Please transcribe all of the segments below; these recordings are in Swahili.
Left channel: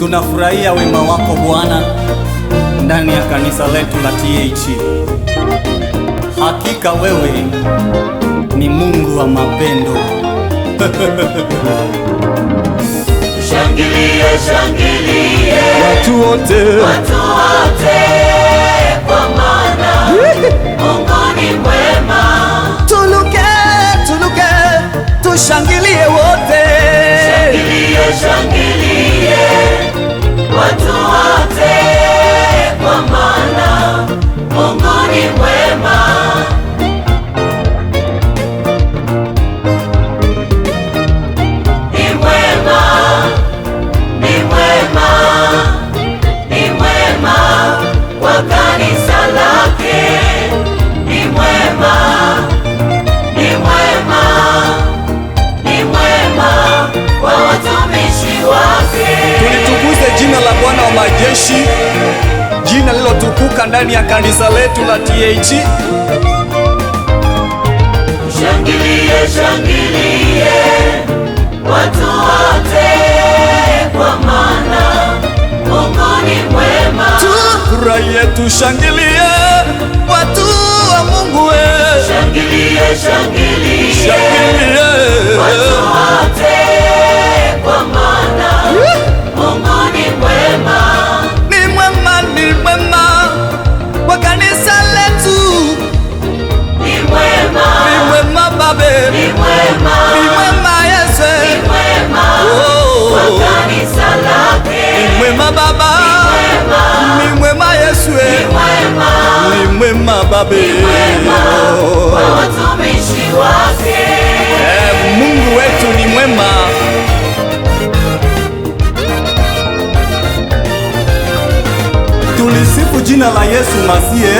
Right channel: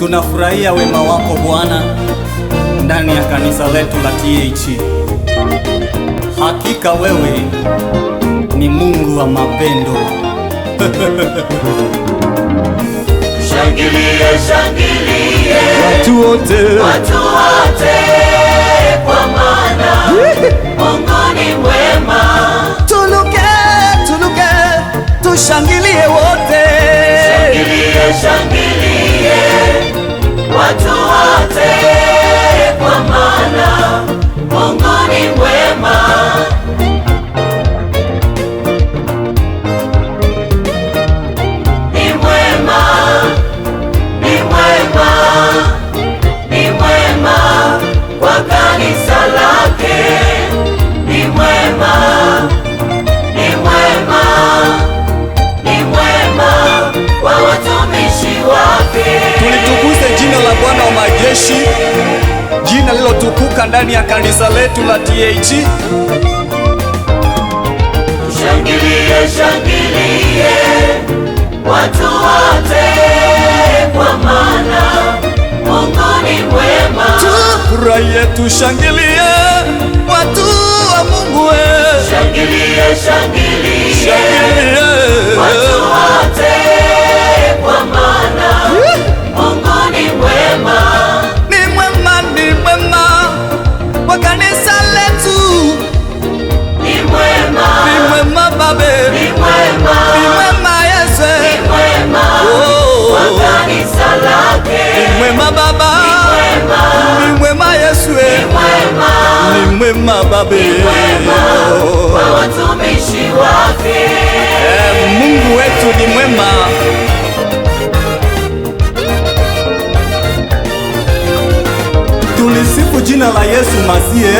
Tunafurahia wema wako Bwana ndani ya kanisa letu la TAG. Hakika wewe ni Mungu wa mapendo. Shangilia, shangilia, Watu wote kwa maana Mungu ni wema. tuluke, tushangilie wote. Tulitukuze jina la Bwana wa majeshi, jina lilotukuka ndani ya kanisa letu la TAG. Shangilia, shangilia, watu wote, kwa maana Mungu ni wema. Tufurahie, tushangilie, watu wa Mungu we. Shangilia, shangilia, Shangilie, kwa kanisa letu. Ni mwema babe, ni mwema Yesu. Oh, ni mwema baba, ni mwema Yesu. Ni mwema babe. Oh, Mungu wetu ni mwema. Tulisifu jina la Yesu Masiye.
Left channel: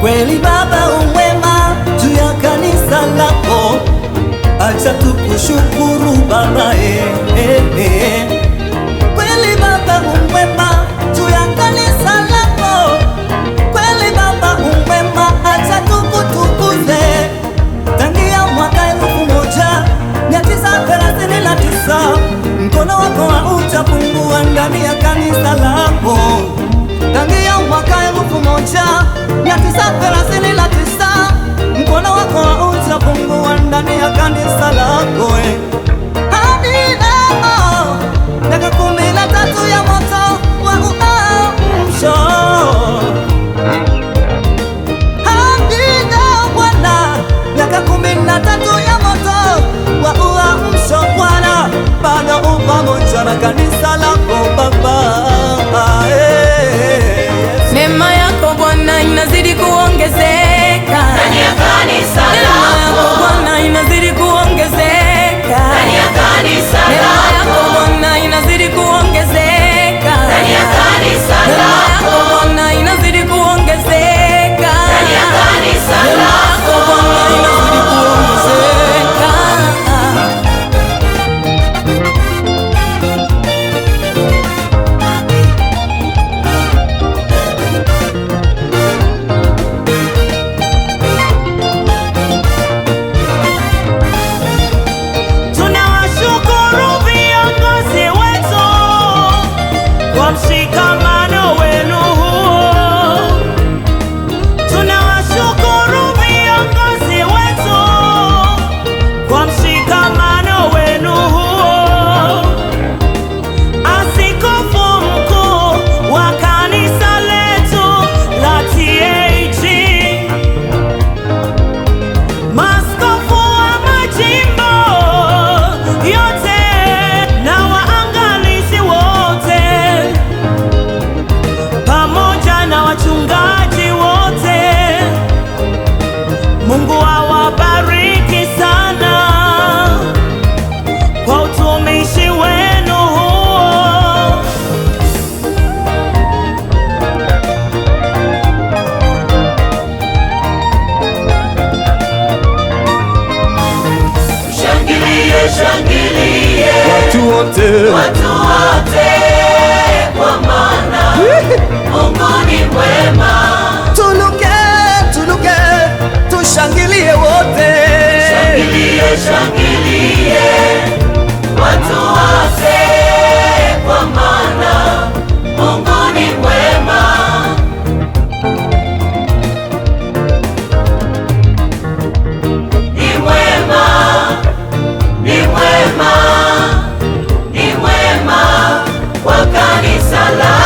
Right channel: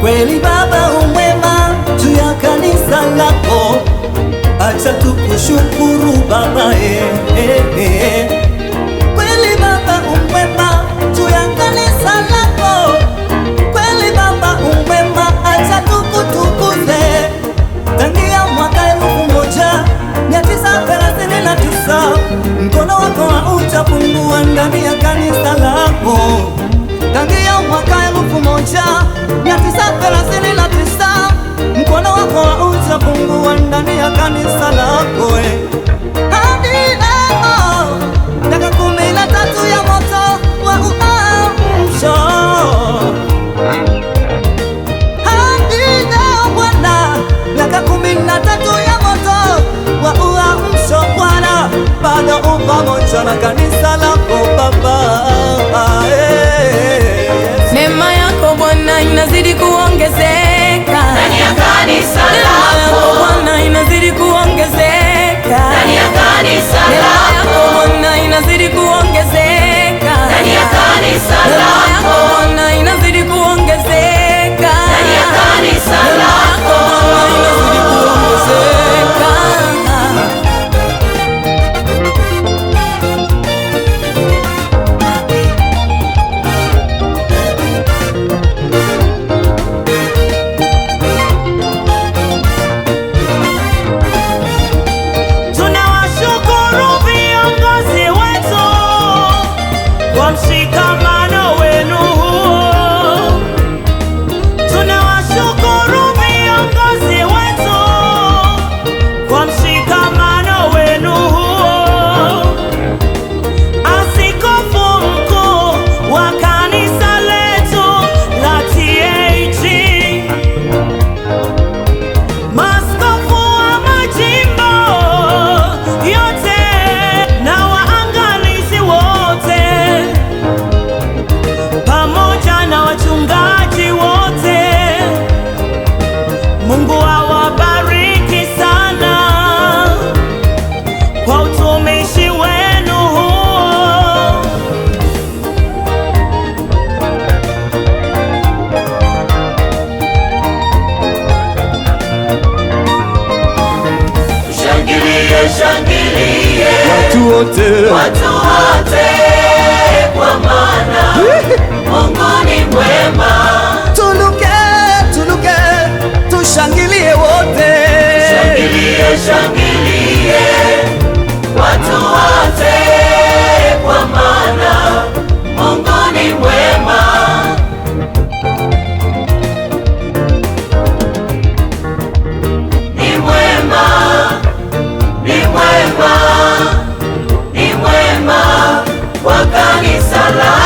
Kweli Baba umwema juu ya kanisa lako, acha tukushukuru Baba. Kweli Baba umwema juu ya kanisa lako, kweli Baba umwema, acha tukutukuze. Tangia mwaka 1939 mkono wako haujapungua ndani ya kanisa lako. Tangia mwaka 1939 mkono wako haujapungua ndani ya kanisa lako. Hadi leo miaka 13 ya moto wa uamsho. Hadi leo Bwana, miaka 13 ya moto wa uamsho Bwana, bado upo pamoja na kanisa lako Baba. Neema yako Bwana inazidi kuongezeka. Neema yako Bwana inazidi kuongezeka. Neema yako Bwana inazidi kuongezeka. Neema yako Bwana inazidi kuongezeka. Neema yako Bwana inazidi kuongezeka. Mshikamano wenu huo, tunawashukuru viongozi wetu kwa mshikamano wenu huo. Askofu mkuu wa kanisa letu la TAG, maaskofu wa majimbo yote na waangalizi wote, wote. Tuluke, tuluke, tushangilie wote.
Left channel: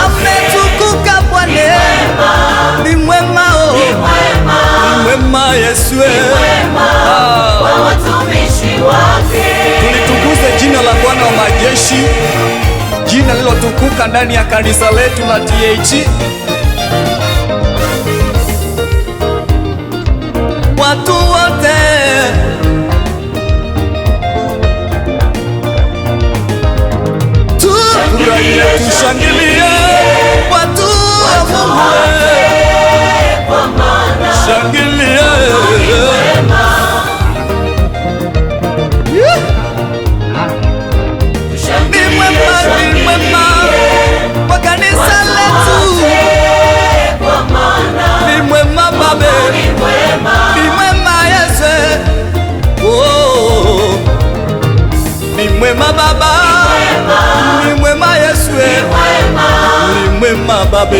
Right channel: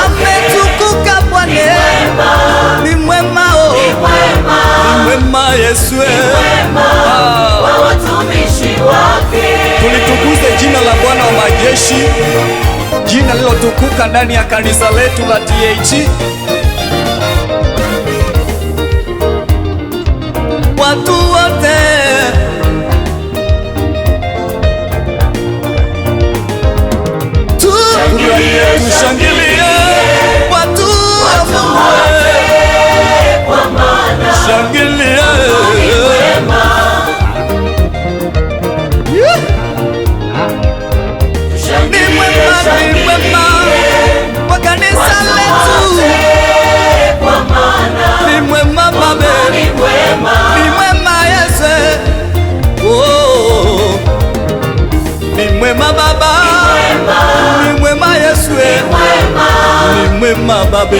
Ametukuka Bwana, ni mwema, oh, ni mwema Yesu. Tulitukuze jina la Bwana wa majeshi, jina lilotukuka ndani ya kanisa letu la TAG. Watu wote tufurahie, tushangilie, watu wa Mungu, shangilie. Ni mwema, ni mwema kwa kanisa letu, ni mwema Baba, ni mwema Yesu. Oh, ni mwema Baba, ni mwema Yesu, ni mwema Baba.